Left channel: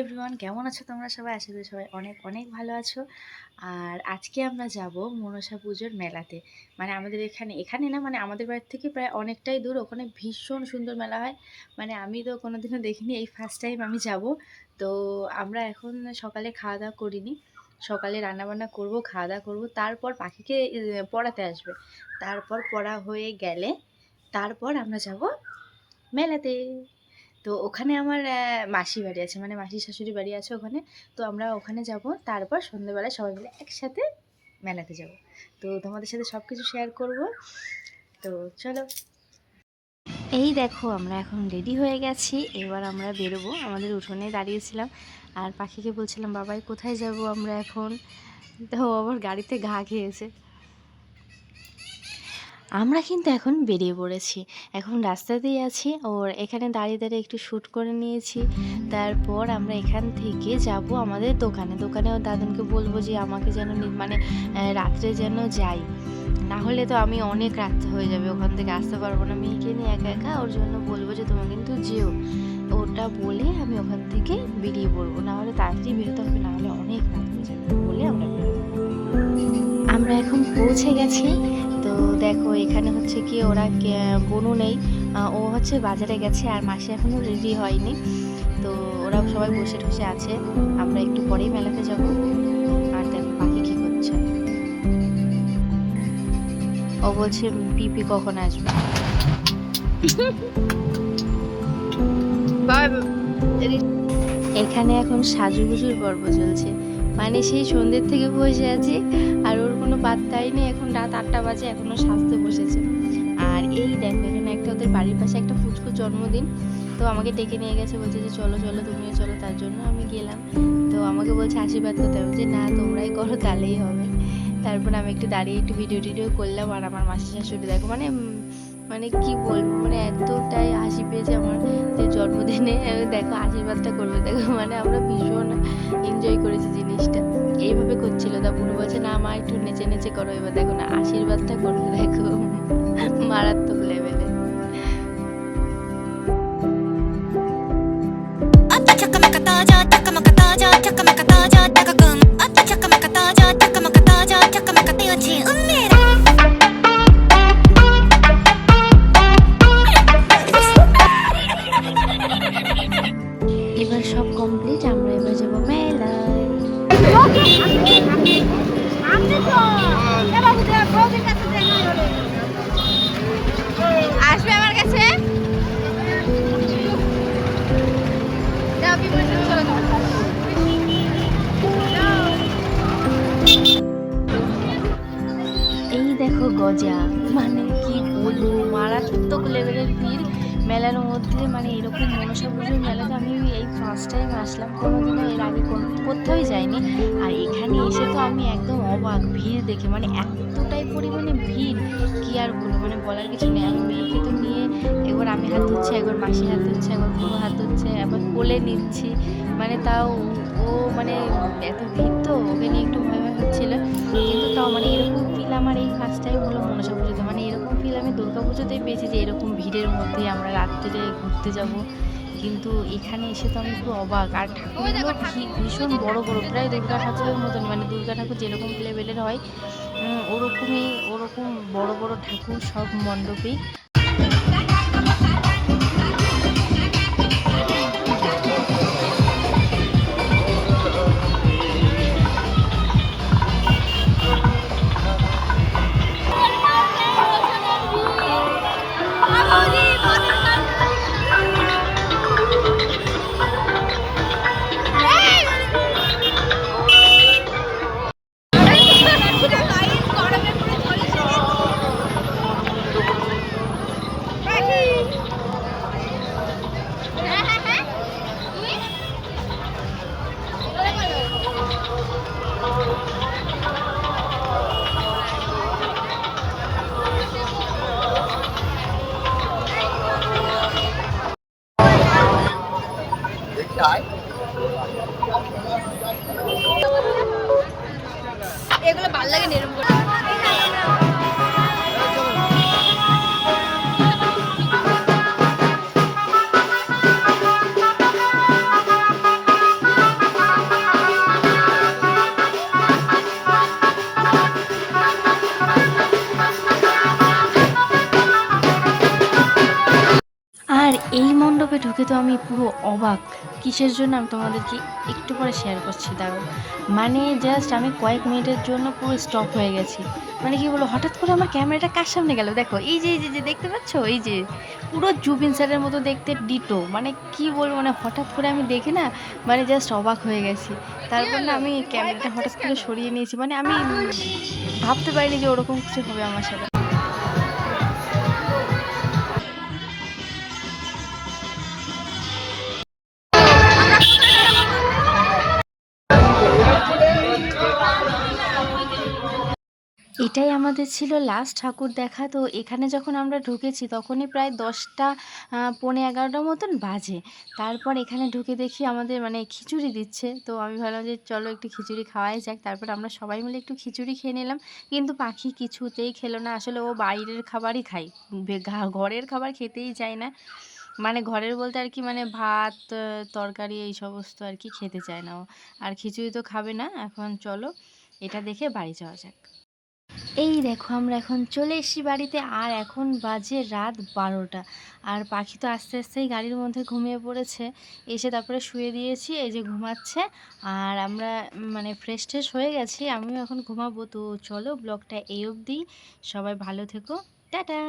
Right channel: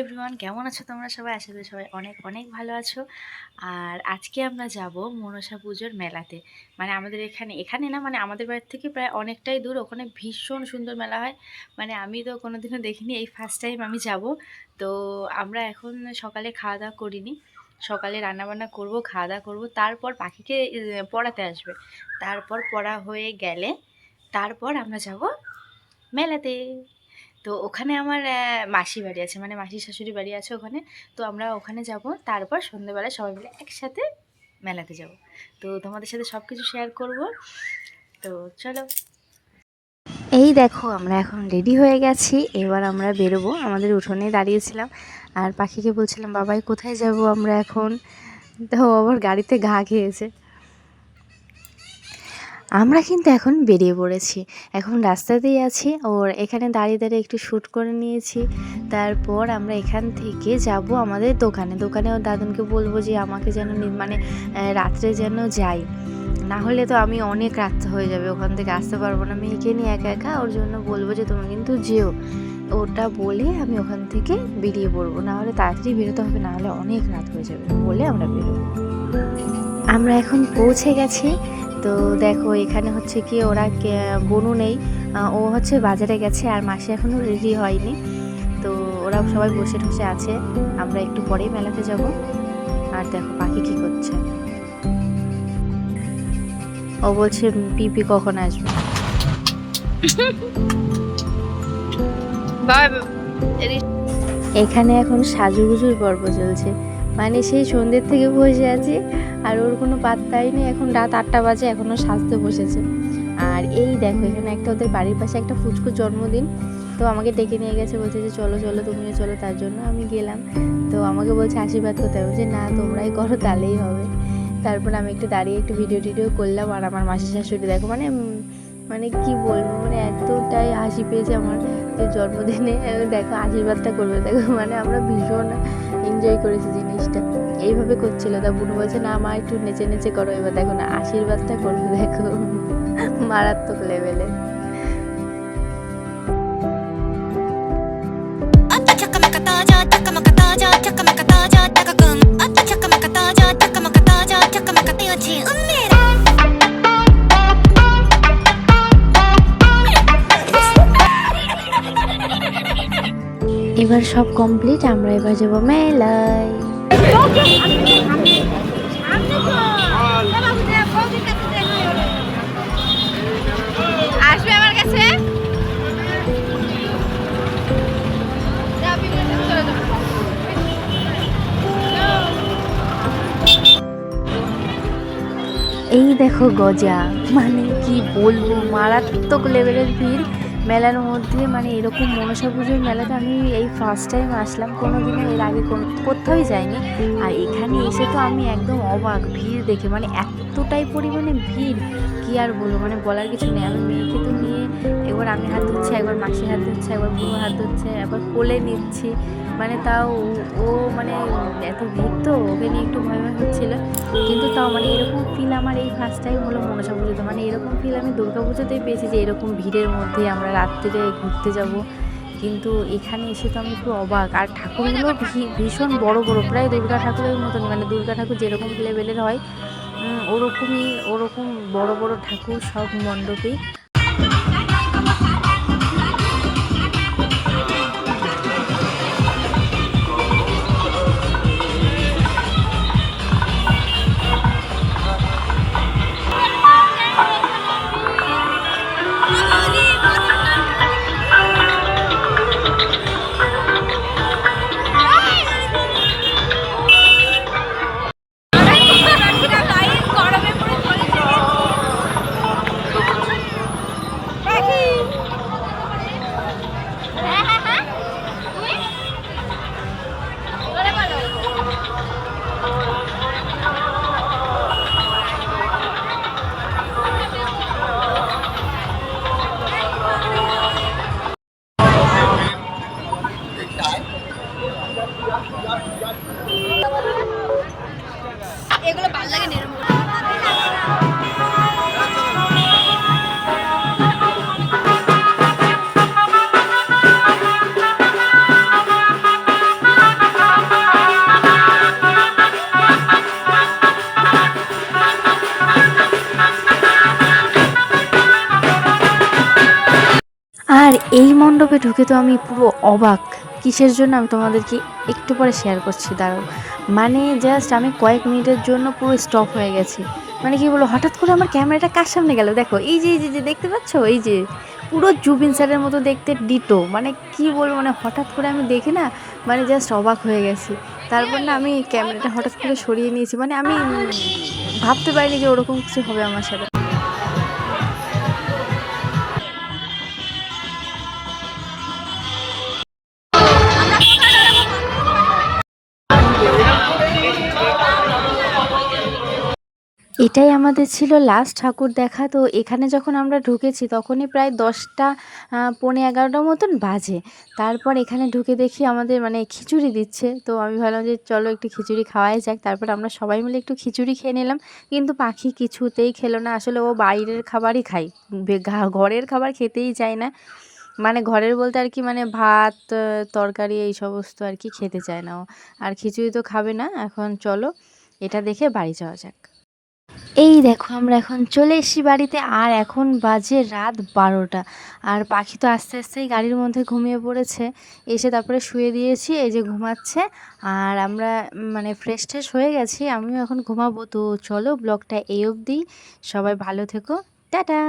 Everyone, কেমন আছো তোমরা সবাই? আশা করি সবাই অনেক অনেক ভালো আছো। আর আজকে আমরা যাব মনসা পুজোর মেলাতে। মানে আমাদের এখানে না, মানে আমাদের বাড়ির থেকে প্রায় অনেকটাই দূর। ওখানে ভীষণ সুন্দর মেলা হয়। মানে আমি তো কোনোদিনও দেখিনি, এই ফার্স্ট টাইম আমি যাব। তো আমরা এখন সকালে খাওয়া দাওয়া করিনি, সকালে রান্নাবান্না করব, খাওয়া দাওয়া করবো, তারপর পাখিকে পড়াতে আসবে। তারপর পড়া হয়ে গেলে তারপর আমরা যাব মেলাতে। তো ওখানে আমার মাসি বাড়ি আছে, মানে মাসির শাশুড়ি বাড়ি আছে ওখানে। তো আমরা ওখানে যাব, তারপর সন্ধ্যেবেলায় সবাই মিলে একসাথে মেলাতে যাব। তো তোমাদের সাথে সব কিছু শেয়ার করব। তো চলো, এই দেখো আমরা এখন রেডি হয়ে গেছি। এবার আমরা বেরোবো। আমাদের উঠোনে দাঁড়িয়েছিলাম আর পাখিকে বলছিলাম, বাবাই কোথায় যাব আমরা এখন? তো আবার গাড়িতে ঘা খেয়েছে। আমরা কিন্তু এখন বেরিয়ে পড়েছি, এখন রাস্তাতেই আছি। ওর এখানে দাঁড়িয়ে দাঁড়িয়ে একটু শ্যুট করে নিয়েছি। তারপর আমরা এখান থেকে যাব আমাদের দোকানে ওর দাদুনকে বলবো যে আমাকে যেন মানে রাত্রে যেন যাই, না হলে তো আমি অনেক রাত হয়ে যাবে, ওখান থেকে আসতে পারবো না মেয়েকে নিয়ে একা একা। ওর জন্য বলবো যে তুমি কিন্তু যেও, ওটা বলে আমি ওখান থেকে বেরিয়ে পড়বো, না হলে তাড়াতাড়ি বেরোতে হবে, না হলে অনেক রাত হয়ে যাবে বলে আমরা বেরোবো। আমরা এখন পৌঁছে গেছি। তো দেখো এখানে হচ্ছে কি ওরা বনু নেই, ও হচ্ছে বাজারে গেছে, আর মাসি এখনও রেডি হয়নি। তো ওরা সবাই বসে ঠসে আছে, আমরা একটু পরেই মেলাতে যাব। আর দেখো পাখি কি করছে, ও বলছে পিপি কখন আসবে। এখানে এখন সাজুগুজুর পর্ব চলছে, মানে সেই সন্ধ্যের থেকে বসে আছি আর ওর কোনো পাত্তাই নেই। এখন রাত 8টা বাজে, এখনও সাজতে বসেছে। আর এই দেখো এখানে একটা ওদের বাড়ির পাশে একটা ফুচকুর জন্মদিন, তো আমাকে ডেকে নিয়ে গেছে, বলছে যে চলো চলো তুমিও চলো। তার জন্য আমি গেলাম। তো আমাকে বলছে আশীর্বাদ করতে হবে, যে না তোমরাই করো তাহলেই হবে। তারপর আমি একটু দাঁড়িয়ে একটু ভিডিও করলাম। আর আমার মাসি শাশুড়ি দেখো, মানে মানে কি বলবো, মানে এতটাই হাসি পেয়েছে আমার যে জন্মদিনে দেখো আশীর্বাদটা করবে, দেখো মানে আমরা ভীষণ এনজয় করেছি জিনিসটা। এইভাবে করছিল, তা বুনু বলছে না মা একটু নেচে নেচে করো। এবার দেখো না আশীর্বাদটা করবে, দেখো মারাত্মক লেভেলে। এবার সব কমপ্লিট, আমরা এবার যাবো মেলায়। আসবে আমার কাছে। এই দেখো গজা, মানে কি বলবো, মারাত্মক লেভেলের ভিড় মেলার মধ্যে। মানে এরকম মনসা পুজোর মেলাতে আমি এই ফার্স্ট টাইম আসলাম, কোনোদিনও এর আগে কোথাওই যাইনি। আর এখানে এসে তো আমি একদম অবাক ভিড় দেখে, মানে এতটাই পরিমাণে ভিড় কি আর বলবো, মানে বলার কিছু নেই। আমি মেয়েকে তো নিয়ে একবার আমি হাত ধুচ্ছি, একবার মাসি হাত ধুচ্ছে, একবার বুড়ো হাত ধুচ্ছে, একবার কোলে নিচ্ছি। মানে তাও ও মানে এত ভিড় তো ওকে নিয়ে একটু ভয় ভয় হচ্ছিলো, কিন্তু তাও মানে এরকম ফিল আমার এই ফার্স্ট টাইম হলো মনসা পুজোতে। মানে এরকম ফিল আমি দুর্গা পুজোতেই পেয়েছি, যে এরকম ভিড়ের মধ্যে আমরা রাত্রিরে ঘুরতে যাব। কিন্তু এখানে এসে তো আমি খুব অবাক। আর ঠাকুরগুলো ভীষণ বড় বড়, প্রায় দুর্গা ঠাকুরের মতনই, মানে দুর্গা ঠাকুর যেরকম লেভেলের হয় ওরকম বড় বড় ঠাকুর সব মণ্ডপেই। আর এই মণ্ডপে ঢুকে তো আমি পুরো অবাক। কিসের জন্য আমি তোমাদেরকে একটু পরে শেয়ার করছি, দাঁড়াও। মানে জাস্ট আমি কয়েক মিনিটের জন্য পুরো স্টপ হয়ে গেছি। মানে কি বলবো, হঠাৎ করে আমার ক্যামেরাটা কার সামনে গেল, দেখো এই যে দেখতে পাচ্ছ, এই যে পুরো জুবিন স্যারের মতো দেখতে ডিটো। মানে কি বলবো, মানে হঠাৎ করে আমি দেখে না, মানে জাস্ট অবাক হয়ে গেছি। তারপর না আমি ক্যামেরাটা হঠাৎ করে সরিয়ে নিয়েছি, মানে আমি ভাবতে পারিনি যে ওরকম কিছু হবে আমার সাথে। এটাই আমাদের ছিল লাস্ট ঠাকুর দেখা। তো এখানে যখন আমরা ঢুকেছি তখনই প্রায় 10টা পৌনে 11টার মতন বাজে। তারপর এখানে ঢুকে দেখি আমাদের মানে খিচুড়ি দিচ্ছে। তো আমি ভাবলাম যে চলো একটু খিচুড়ি খাওয়াই যাক। তারপর আমরা সবাই মিলে একটু খিচুড়ি খেয়ে নিলাম। কিন্তু পাখি কিছুতেই খেলো না। আসলে ও বাইরের খাবারই খায়। ঘরের খাবার খেতেই চায় না। মানে ঘরের বলতে আর কি, মানে ভাত, তরকারি এই সমস্ত আর কি খেতে চায় না ও। আর খিচুড়ি তো খাবে না। এখন চলো এটা দেখে বাড়ি যাওয়া যাক। এই দেখো আমরা এখন চলে এসেছি বাড়িতে, আর এখন বাজে রাত 12টা। আর পাখি তো আস্তে আস্তেই গাড়ির মধ্যে ঘুমিয়ে পড়েছে। এসে তারপরে শুয়ে দিয়েছি, এই যে ঘুমাচ্ছে। আর আমরা মানে ফ্রেশ ট্রেশ হয়ে গেছি, আমিও এখন ঘুমাবো। তো চলো ব্লগটা এই অবধি, সবাই ভালো থেকো, টাটা।